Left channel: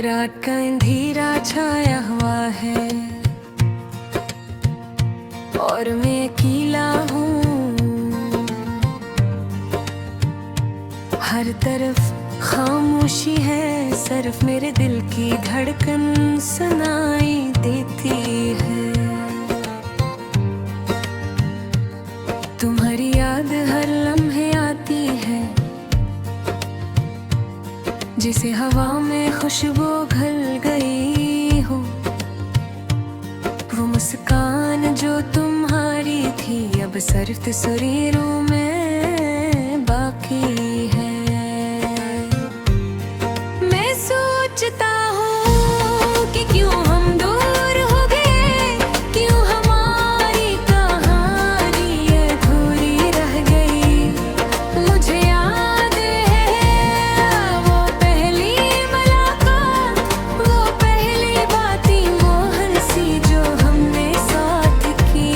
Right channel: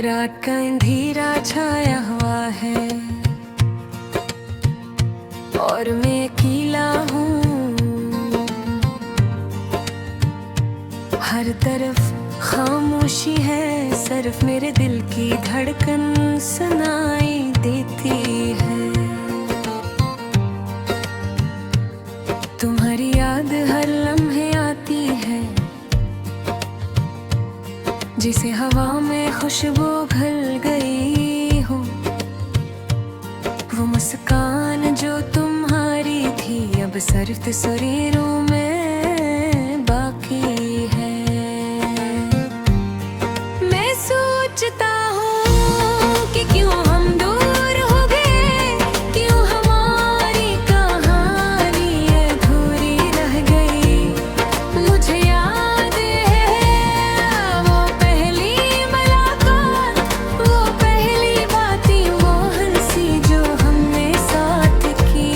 रात का अंधेरा छाया हुआ है और मैं अकेला हूँ। हर तरफ खामोशी है, सिर्फ मेरे दिल की धड़कन सुनाई देती है। तुम्हारी याद हर लम्हे आती है, जिसे हवा में खुशबू घुल गई हो। वो मुस्कान जो तुम्हारी थी अब सिर्फ तस्वीरों में बाकी है। मैं सोचता हूँ कि क्यों हम दूर हो गए, क्यों हमारी कहानी अधूरी रह गई। मुझे याद है वो पहली मुलाकात, वो पहली बातें, वो हंसी जो हमने साथ की।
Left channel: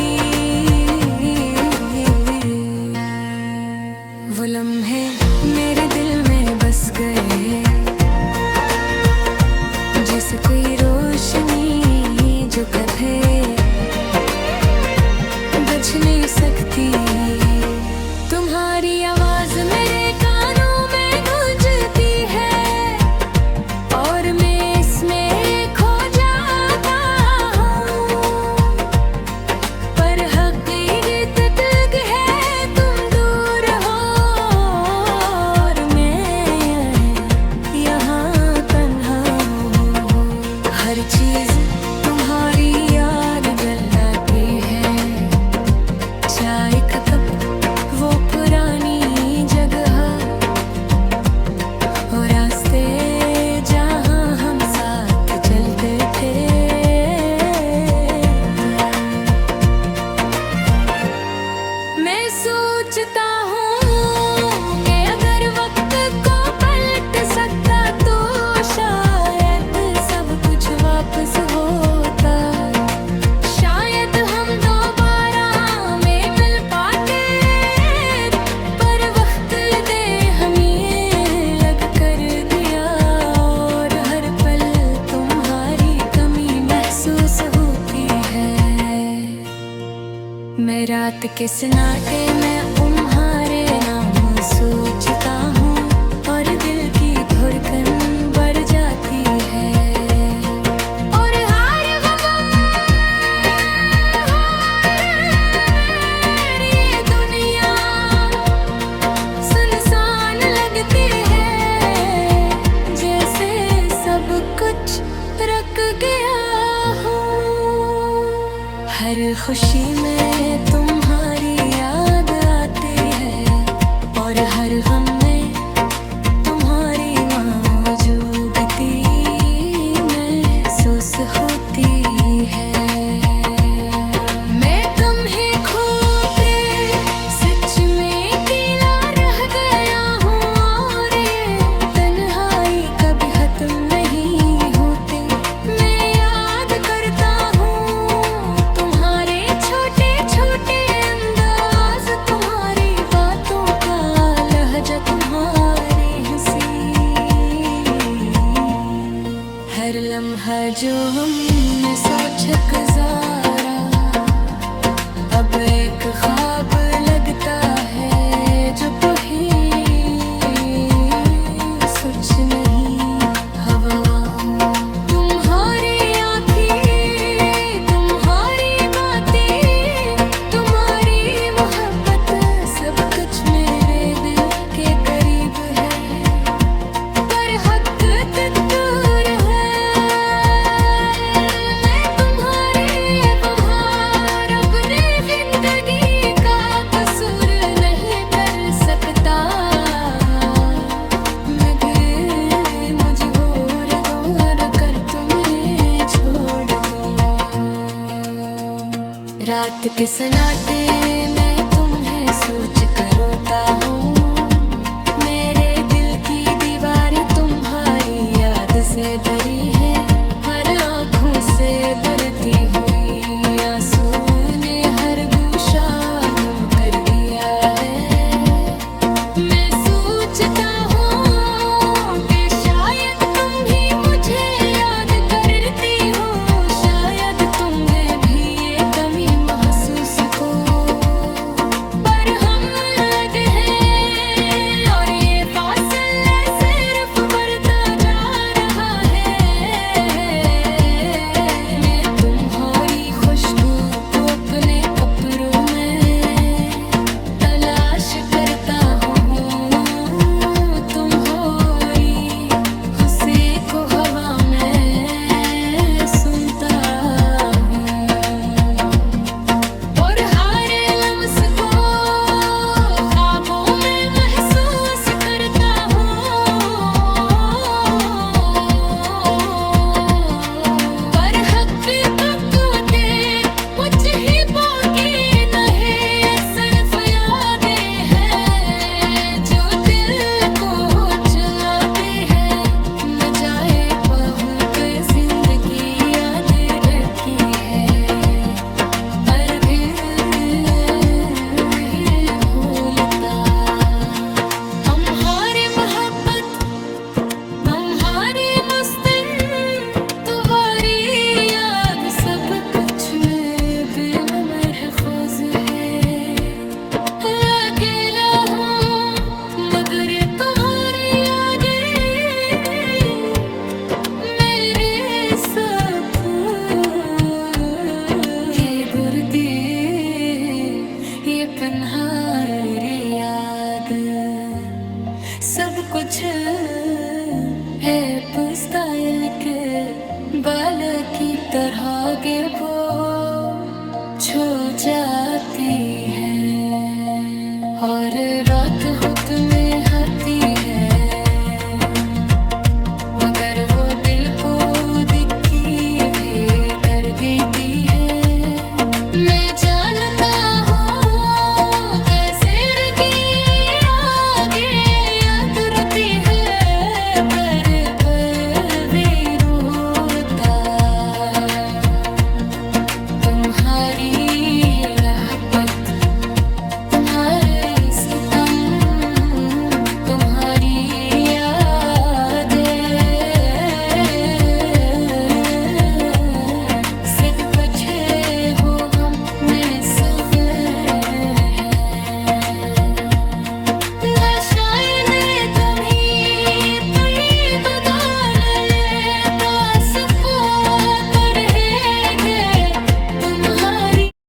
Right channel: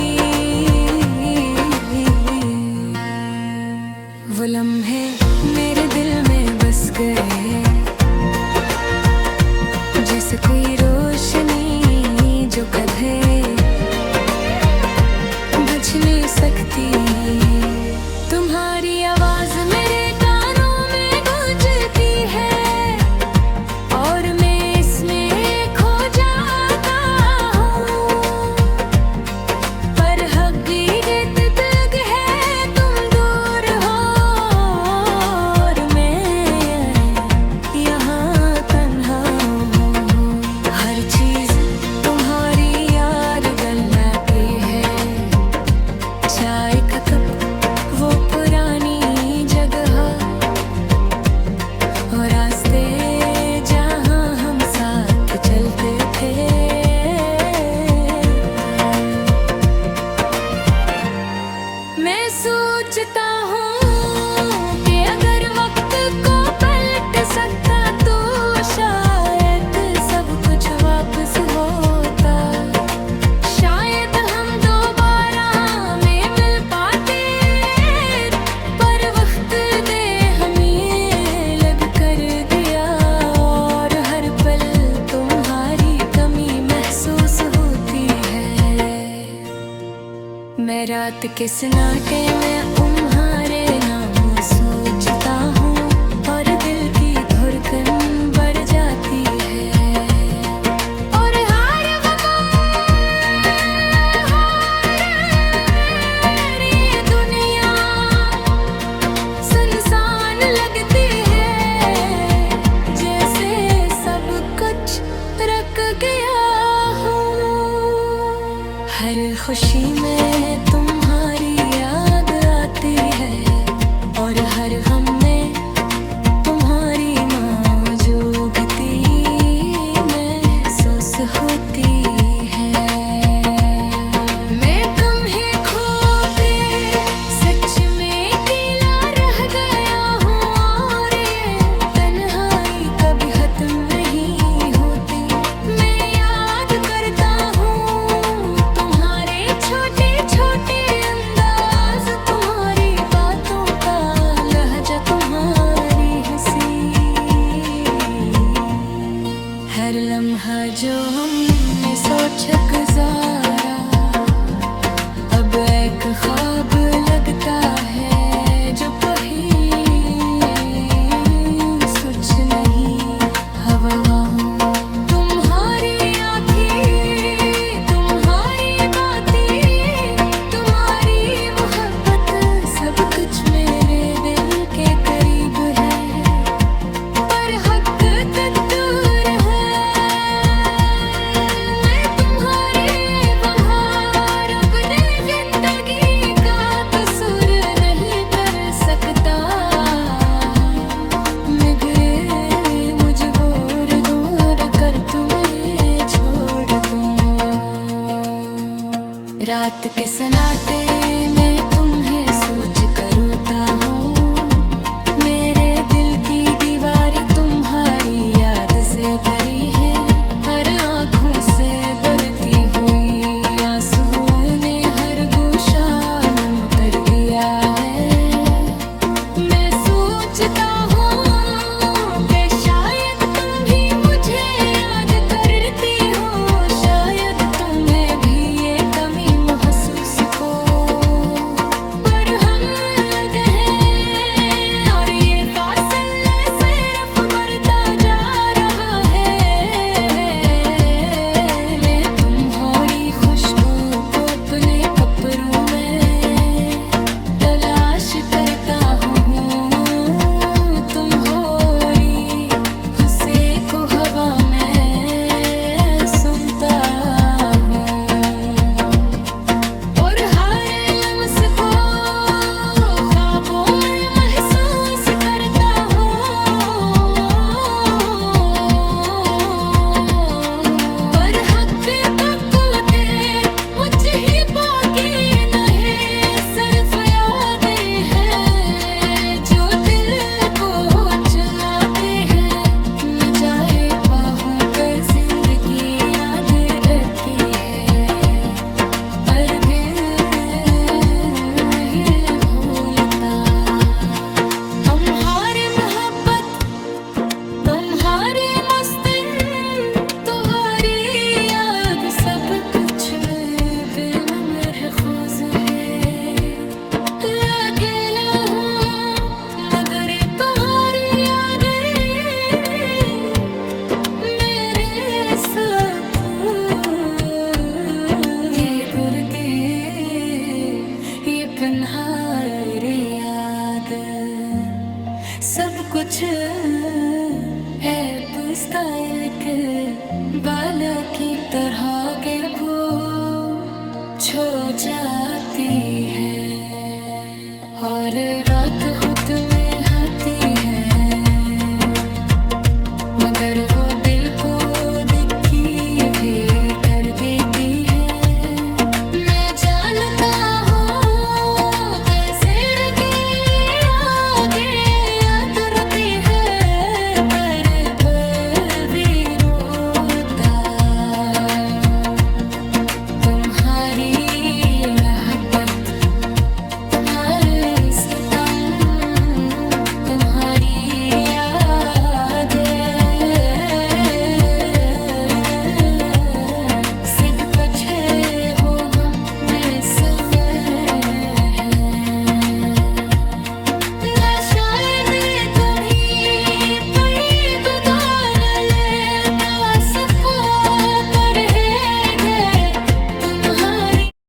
वो लम्हे मेरे दिल में बस गए, जैसे कोई रोशनी जो कभी बुझ नहीं सकती। तुम्हारी आवाज मेरे कानों में गूंजती है और मैं इसमें खो जाता हूँ। पर हकीकत तक है तुम दूर हो और मैं यहाँ तन्हा हूँ। हर चीज तुम्हारी याद गलाती है, चाय का कप, वो पुरानी जगह और रास्ते जहाँ हम साथ चलते थे। मैं सोचता हूँ कि अगर वक्त को पलट सकता तो शायद सब कुछ वापस होता। शायद हम दोबारा में मिल पाते, पर वक्त दे हमें लग कर दिया और हर पल तुम्हारी कमी महसूस होती है। मैं रात के सन्नाटे में तुम्हारे नाम सोचता हूँ और दिल की धड़कन बढ़ जाती है। और हर गम, हर ये दुनिया सुनसान लगती है, जैसे सब कुछ रख गया हो। हर खुशी में तुम्हारी याद आती है और हर गम में तुम्हारी मौजूदगी महसूस होती है। मैं तुम्हें खो के सच में अकेला रह गया हूँ और ये तन्हाई कभी खत्म नहीं होती। मैं याद करता हूँ तुम्हारे छोटे छोटे अंदाज, तुम्हारी बातों का लहजा, तुम्हारी हंसी। हर लम्हा जो हमने सोच गुजारा अब एक ख्वाब लगता है जो कहीं सच नहीं। हवाओं, तुम्हारी आँखें, तुम्हारी बातें, तुम्हारी मोहब्बत, सब कुछ मेरे दिल के करीब है, पर हक दूर है। मैं तुम्हारे बहार अपनी जिंदगी का तस्वीर नहीं कर सकता। मैं गिरे मजबूर दूर कर तुम्हें छोड़ दूँ। रात के सन्नाटे में तुम्हें सोच कर रोता हूँ। मेरे दिल की दीवारें तुम्हारी याद से भरी है, हर आँखों से बरती हुई आंसू ने हर गोशा नम कर दिया है। मैं सोचता हूँ कि शायद तुम भी मुझे महफूज है। अकेला हूँ मगर तुम्हारी यादें मेरे सकून। ये दर्द ये पन्हारी याद सब कुछ है पुस्काइल के बाल की तरह के वो छो जाती है और रात खुद में आती है मगर वो दिल को दिक्की भी कर देती है।